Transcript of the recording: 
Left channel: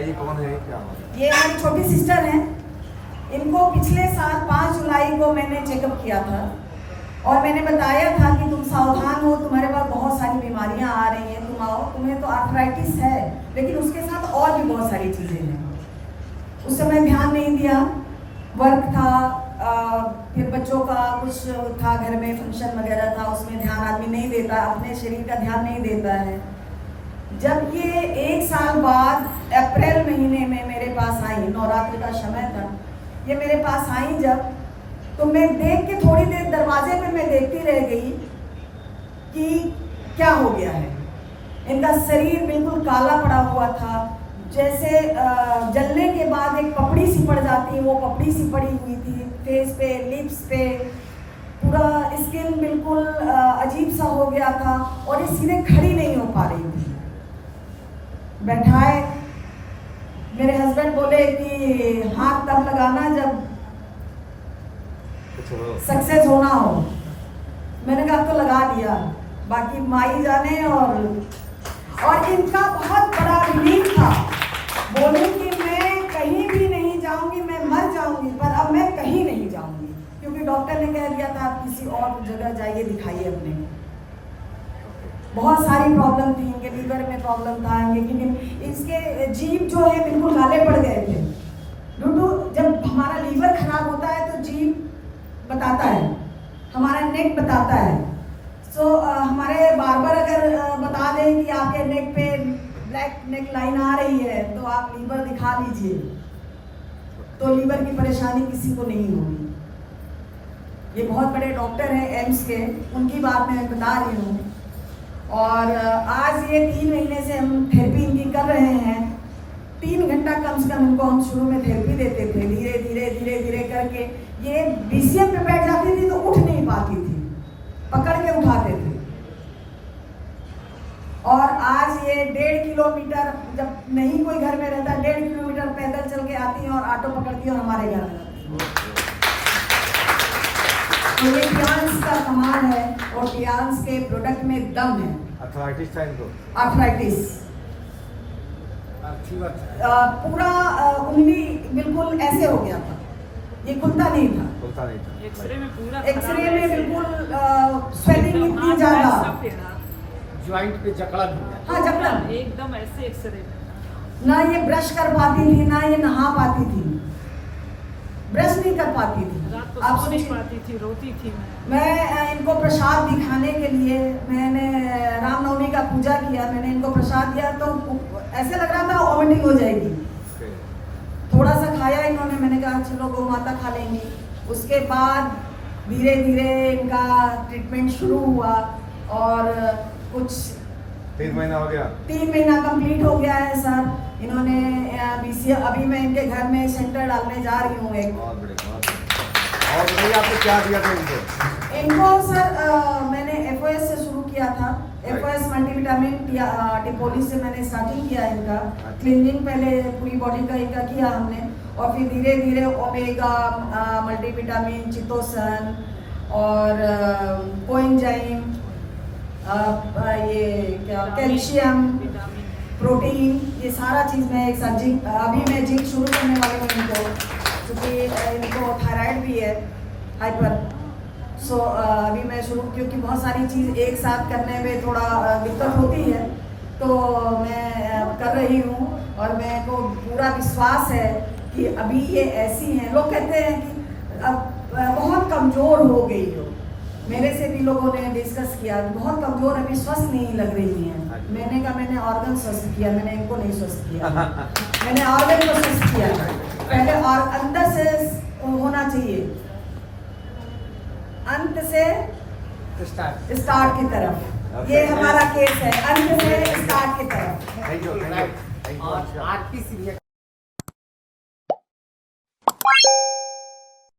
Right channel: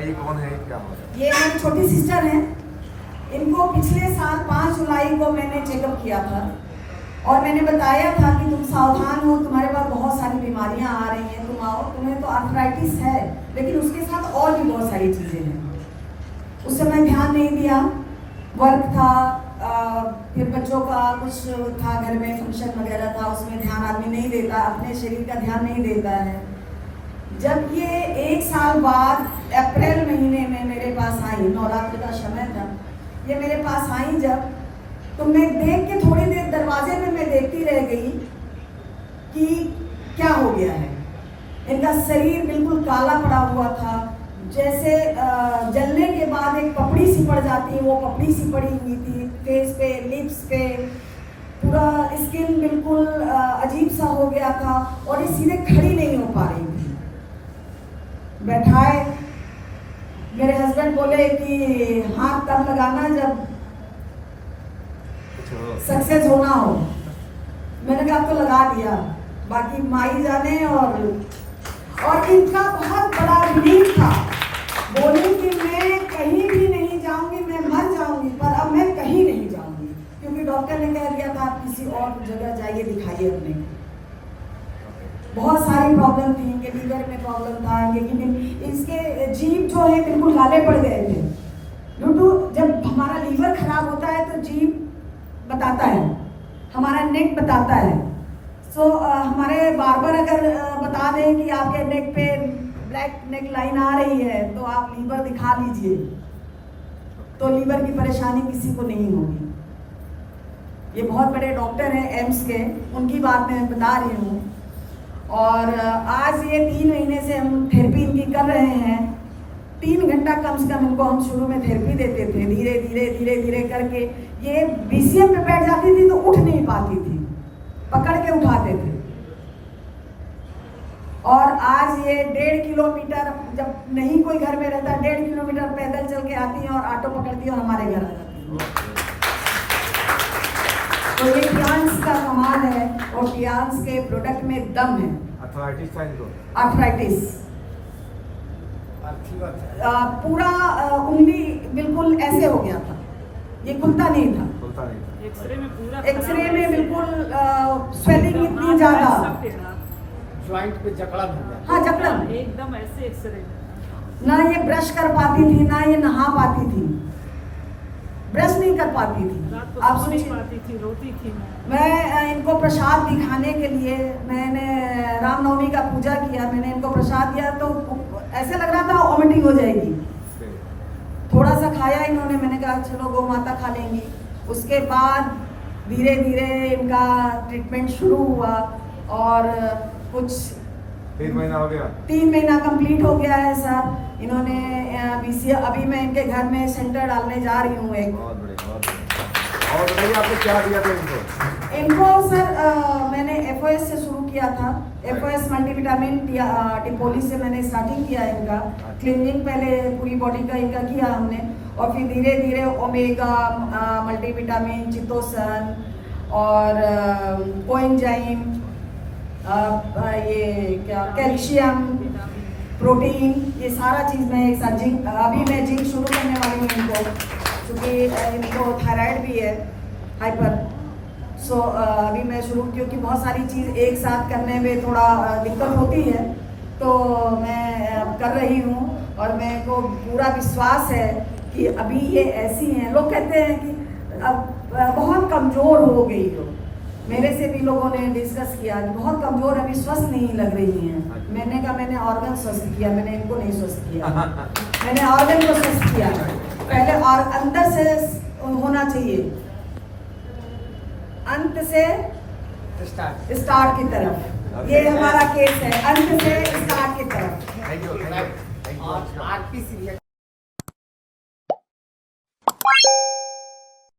बताइए कौन है क्या है? ये मेरी छोटी सिस्टर हैं। इनको पिछले साल 5 जुलाई को मैंने चेकअप किया था और मैंने बताया था कि तुम सावधान हो, तुम्हारे पास बहुत सारी बीमारियां आ रही हैं, तुम आओ, तुम्हें तो आर्थराइटिस है लेकिन उसके साथ और भी बहुत सारी चीज़ें हैं। उस समय ध्यान नहीं दिया, वर्क था, फिर बच्चों का कुछ था, घर में फंक्शन वगैरह था, उसमें ध्यान आदमी नहीं देता, अपने शरीर का ध्यान नहीं देता है। जब ये 1 साल बाद अप्रैल महीने में मेरे पास आई, नवरात्रि का समय था, ये मेरे पास आई जब, तो मैं देख के थोड़ी देर दरवाजे में मैं देखती रह गई कि क्या हो गया है। इनका शरीर बिल्कुल काला पड़ा हुआ था, जैसे जलने के बाद एक पपड़ी सी पड़ जाती है, वो पपड़ी सी पड़ी हुई थी फेस पे, लिप्स पे, पूरा स्किन बिल्कुल अजीब सा हो गया था और ये सीधे खड़ी नहीं हो पा रही थी। बैठाए, मेरे हस्बैंड बोले कि हाथ तब लगाना जब सक्सेस होना हो। मैंने कहा तो लगा दिया, बाकी माई जाने। और इनका बहुत बड़ा रिलीफ था, बोले कि मैं कहीं भी नहीं जाऊंगी, मैं मर जाऊंगी पर अब मैं कहीं नहीं जाऊंगी, क्योंकि डॉक्टर ने कह दिया था आप किसी और जगह जाइए, दिखाइए अपने। बहुत सारी प्रॉब्लम थी, इनके लीवर में प्रॉब्लम था, इसके जीभ जो है बिल्कुल काले पड़ गए थे। जब हमारा लीवर खराब होता है तो जीभ बताता है, हमारा नेक बताता है। हमारे बार्बर अगर बता दें कि आपके नेक पे ब्लैक नेक लाइन आ रही है तो आप लीवर दिखा लीजिए, तो लीवर की परेशानी किसी को नहीं होगी। ये बहुत बड़े डॉक्टर हैं एम्स के, उनकी बात मैं बता रही हूँ। और आज ये 3 महीने से हम थेरेपी इनकी कर रहे हैं। 3 घंटा कम से कम इनको हम शुरू में थेरेपी देते थे, धीरे धीरे धीरे धीरे करके ये बीसीएम पे बैठ जाती थी तो उठ नहीं पाती थी, पकड़ के उठाते थे। और आज ये 1.5 किलोमीटर, जब नहीं कोई घर में रहता, 1.5 किलोमीटर पैदल चल के आती हैं और ऑटो पकड़ती है और हमारे घर आ जाती है। तो ये टियांस का कमाल है और टियांस के प्रोडक्ट में दम है। आर्थराइटिस पूरा उंगली बिल्कुल ऐसे हो गया था, ये खुलता नहीं था। एक्सरे में बिल्कुल स्वेलिंग इतनी ज्यादा, ज्वाइंट पे जकड़न। हाँ जकड़न, एकदम ऐसे एक्सरे ना ये ब्रश कर पाती थी, ना ये नहा पाती थी, ब्रश नहीं कर पाती थी, आप नहीं पाती थी, रोती थी। मैं इनको प्रसाद दिखाने के लिए, मैंने रामनवमी का पूजा किया, मैंने इनको प्रसाद दिया तो ऐसे लग रहा था वॉमिटिंग हो जाएगी। थोड़ा सा खाया इन्होंने, मैंने कहा चलो गौ माता खा लेंगी। उसके बाद धीरे धीरे इनका ट्रीटमेंट शुरू हुआ और कुछ 3 महीना हो गया, 3 महीना कंप्लीट हो गया है सर। इन्होंने बीसीएम, अभी मैं इनके घर में सेंटर डालने जा रही हूँ एक। और बताइए आपने क्या दिया था इनको सर मैंने एफओएस से शुरू किया था, एफओएस मल्टीविटामिन टिपोली से मैंने स्टार्टिंग किया इनका। क्लीनिंग पहले पूरी बॉडी का इनका किया हमने और फिर धीरे धीरे ओमेगा मल्टीविटामिन, चितोसन और कोएंजाइम, ये क्या कैल्शियम, प्रोटीन, ये सारा चीज़ में एक साथ। जिंक, अभी मैं जिंक शुरू करने वाली हूँ इनको, क्योंकि इनको थायराइड भी है, हाइपर। अभी मैं शुरू, क्योंकि बहुत सारी चीज़ एक साथ करने में थोड़ा दिक्कत होती है, तो मैं कर रही हूँ। और मेरे को पूरा विश्वास है कि अभी ये ऐसी हैं, लोग कहते हैं कि अब बहुत कमज़ोर हो गई हो, मेरे से भी लोगों ने डिस्कस किया कि बहुत कमज़ोर, अभी स्वस्थ नहीं लग रही हैं। मैंने कहा मैंने ऑर्गन स्वस्थ किया, मैंने इनको नहीं स्वस्थ किया, मैंने ऑर्गन को स्वस्थ किया पहले, और अंदर से होना चाहिए, अंत से स्टार्ट की तरफ। ये हमारा केस है, अंत से स्टार्ट की तरफ।